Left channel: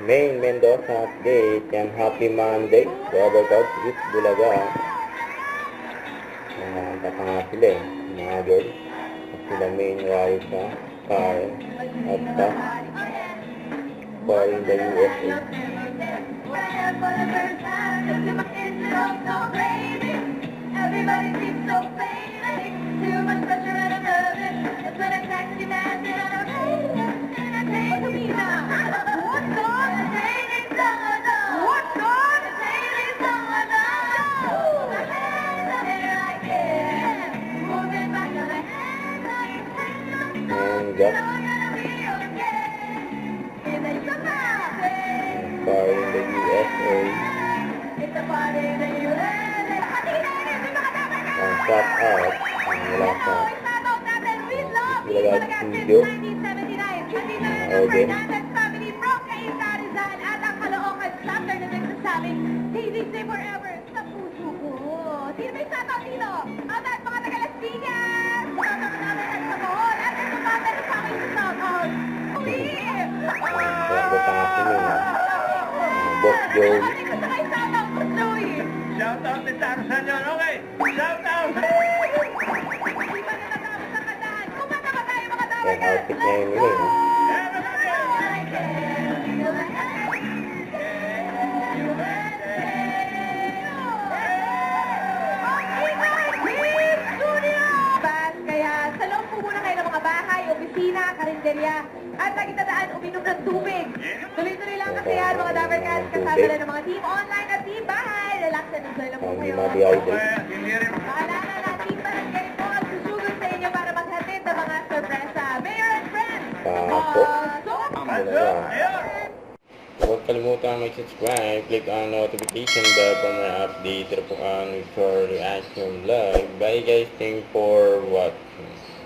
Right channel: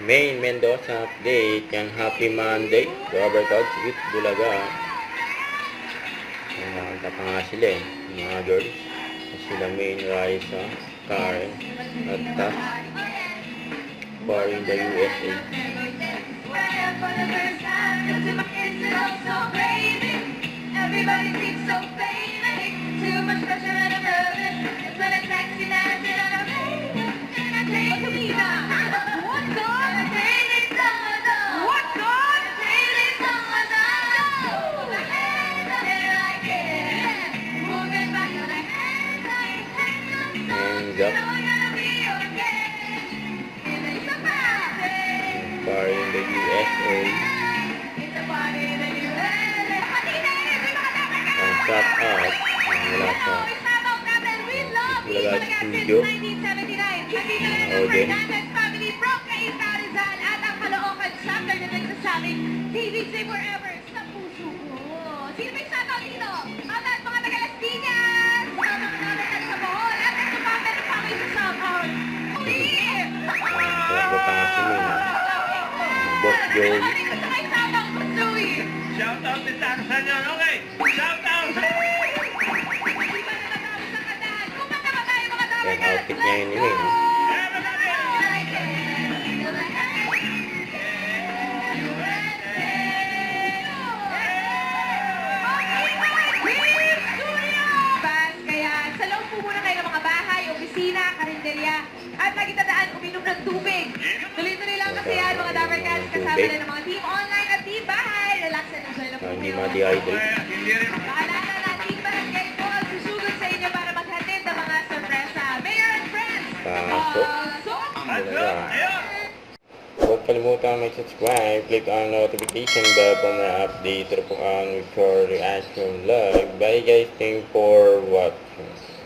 Main Mendoza update and happy Monday to our God's Youth Bulaga. Nakakanta pa nga sila mga girls. Sila Main, Raisa, Karen, at Cass for in the USA. Everybody seems so famous. Too much pressure and I'm loving. It's when a taxi man and I'm hands up. Party in the USA. Ang shot out. Wala sa Bulaga Studio. Audience. Forever sa puso ko. Sino may shoutout dito? At mga taga-Las Piñas! Mga naman sa Bohol! At ito pa, meron pa kayo sa shoutout! Uli! Talaga pa nga sila. Boss Joey. Shoutout din sa akin yun, okay? Shoutout! Yan, outfit niya yun nila eh. Opisina, karinderya, at lagi tandaan, uminom ng tubig. Tuloy-tuloy lang kasi yan, mga Dabber Cats, kasama na ng mga team online at team bahay. Relax and enjoy lang po Hindi kayo. ma-dehydrate. Paalala na, team barangay po ang susugod sa inyo para maghatid ng mga sorpresa. Mayor and friends! Pasok. Bulaga. Huwag kalimutan mag-subscribe, click on notification bell for more update, for reaction live. Bye guys, thanks for watching.